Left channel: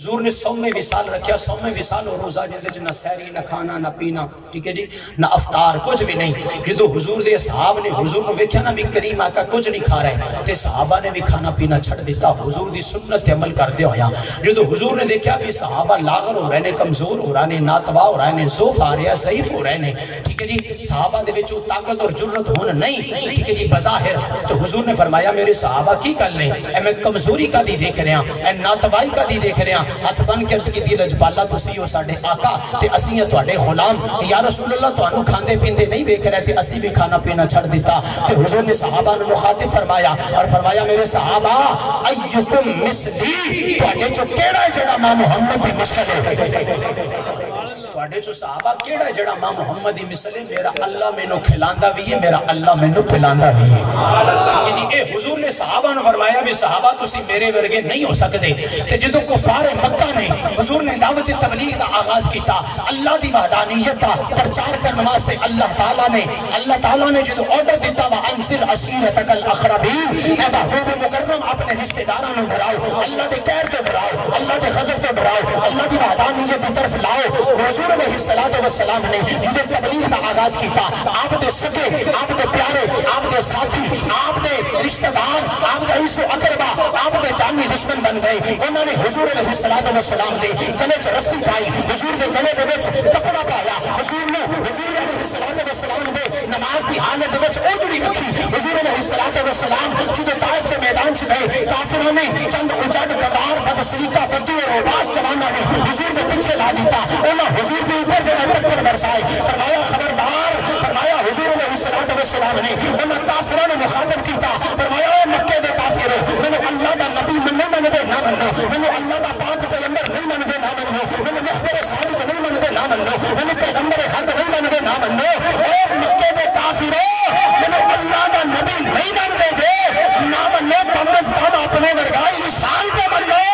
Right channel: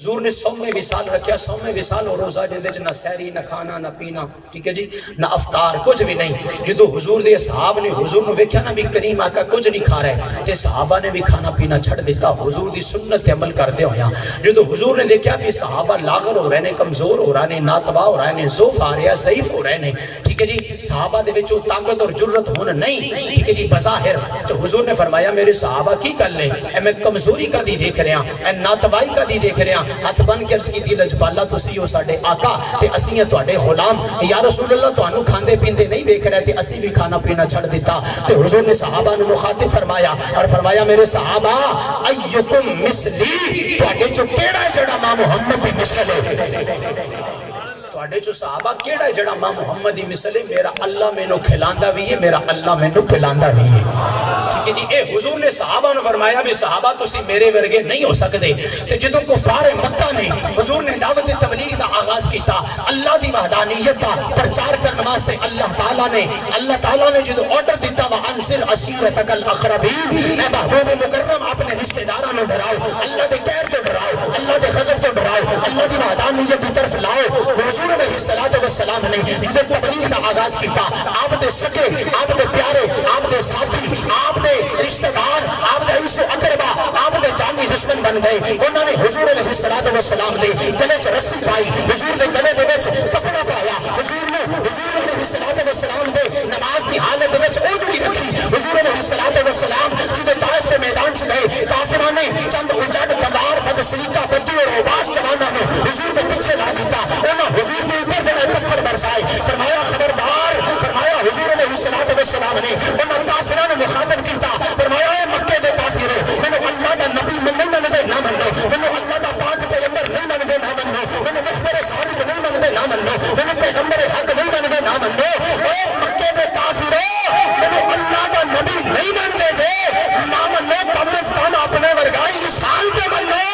حضور نے 100 وصال رکھیا، 100 وصال اور روزہ جے وچ نہ سحری نہ کھانا نہ پینا، ٹھیک ہے جی، نہ افطار، کچھ بھی نہیں۔ جدو حضور دے اصحاب نے حضور نو ویکھیا نا بھی کریم آقا کچھ نہیں کھا رہے تے صحابہ نے بھی کھانا پینا چھڑ دیتا حضور دی سنت تے عمل کردے ہویا۔ جدو حضور نے دیکھیا بھی صحابہ لاغر ہو رہے نے، کمزور ہو رہے نے، ناتبا ہو رہے نے، ضعف آ رہا ہے، ضعیف ہو رہے نے، ٹھیک ہے جی، صحابہ دے وچ طاقت اور جرت ہون نہیں، ٹھیک ہے جی، بظاہر۔ تو حضور نے فرمایا میرے صحابہ کی کر لیں، اے میں کمزوری کا دی دیکھ رہا، اے ناتبائی کا دی دیکھ رہا، ہاتھ بن کے کی دی لجپالا تسی ہو ساڈے آقا تے اسی ہیں تواڈے غلام، یا رسول اللہ تانوں کھاندے پیندے نہیں دیکھ رہے تے اسی بھی کھانا پینا چھڑ دیتا۔ تے حضور نے صحابہ نو مخاطب فرمایا اور فرمایا میرے صحابہ ایکم مثلی، تواڈے چوں کیڑا ہے جڑا ماں محمد دی مثل ہے؟ تواڈے چوں صحابہ کیڑا ہے جڑا ماں محمد دی مثل ہے؟ میرا اللہ مینوں کھلاندا بھی ہے، میرا اللہ مینوں پلاندا بھی ہے۔ ٹھیک ہے جی، اے حضور نے صحابہ نو فرمایا بھی صحابہ تسی میرے ورگے نہیں ہو سکدے۔ تے جدوں کفار مکہ نے حضور نے دعوت تبلیغ دا آغاز کیتا، اللہ دی وحدانیت دا پرچار کرنے واسطے اللہ تعالی نے جدوں آرڈر دیتا وا انصر عشیرتک الاقربین، اے محبوب مکرم اپنے رشتہ داراں نو ڈراؤ، اللہ دے قہر تو ڈراؤ، اللہ دے غضب تو ڈراؤ، اللہ دی وحدانیت دی طرف لاؤ۔ حضور علیہ السلام نے جدوں تبلیغ دا آغاز کیتا، آپ دے سگے، آپ دے پیارے، آپ دے ساتھی، آپ دے رشتہ دار، آپ دے عیش و اقربا، آپ دے جانی دشمن بن گئے۔ انہوں نے حضور علیہ السلام دے گلے چ رسی پائی، حضور دے گلے دے وچ کپڑا پایا، حضور علیہ السلام دے نماز دی حالت دے وچ اوجڑی رکھی۔ حضور علیہ السلام جدوں طائف دے میدان چ گئے، کافراں نے چند اجڑ گوار بد سلیقہ بدو اور اوباش جواناں نے حضور دے پیچھے لا دیتا، انہاں حضور دے اوپر جڑا پتھر برسائے، فرمایا خبردار، فرمایا حضور علیہ السلام نے انہاں کافراں نوں مخاطب کیتا، فرمایا اے مکے دے کافرو، مینوں اللہ دا نبی نہیں منتے نہ منو، مینوں اللہ دا پاک پیغمبر نہیں منتے نہ منو، مینوں مخبر صادق نہیں منتے نہ منو، مینوں پیغمبر حق نہیں منتے نہ منو۔ اے مکے دے کافرو، مینوں اللہ دا نبی نہیں منتے جے نہ منو، کم از کم اپنے ورگا انسان تے منو۔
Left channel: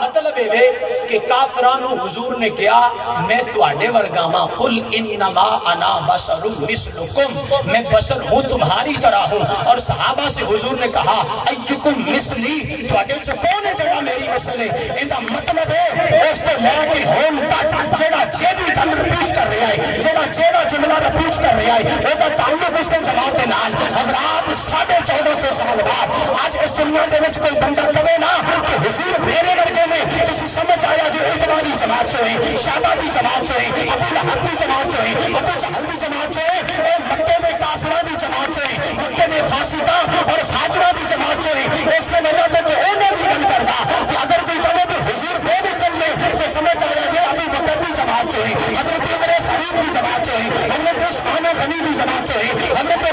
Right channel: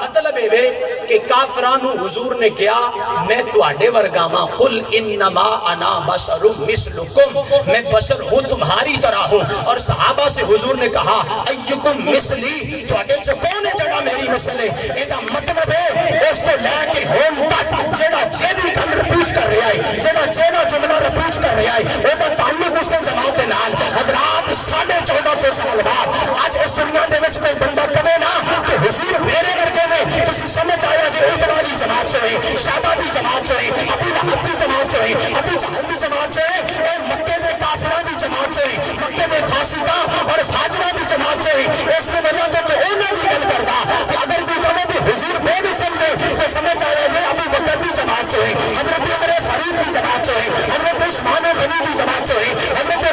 مطلب ہے کہ کافرانو حضور نے کیا میں تواڈے ورگاواں، قل انما انا بشر مثلکم، میں بشر ہوں تمہاری طرح ہوں۔ اور صحابہ سے حضور نے کہا ایکم مثلی، تواڈے چ کون ہے جڑا میری مثل ہے؟ ایندا مطلب ہے اس تو لے کے ہون تک جڑا جیڑی گل رپیٹ کر رہا ہے، جڑا جملہ رپیٹ کر رہا ہے، او دا تعلق اس جماعت دے نال۔ حضرات 1450 سال بعد اج اس دنیا دے وچ کوئی بندہ کہے نا کہ حضور میرے ورگے نے، تسی سمجھ آیا جی اتباری جماعت چ ہے، شہبہ دی جماعت چ ہے، ابو لہب دی جماعت چ ہے، ابو جہل دی جماعت چ ہے، اے مکے دے کافراں دی جماعت چ ہے، مکے دے فاسقاں اور فاجراں دی جماعت چ ہے۔ اس وجہ سے تو انہاں دی گل کردا کہ اگر کوئی کہے کہ حضور بے مثل نے، تو سمجھ آیا جی ابو بکر دی جماعت چ ہے، حضرت عمر فاروق دی جماعت چ ہے، حضرت عثمان غنی دی جماعت چ ہے، حضرت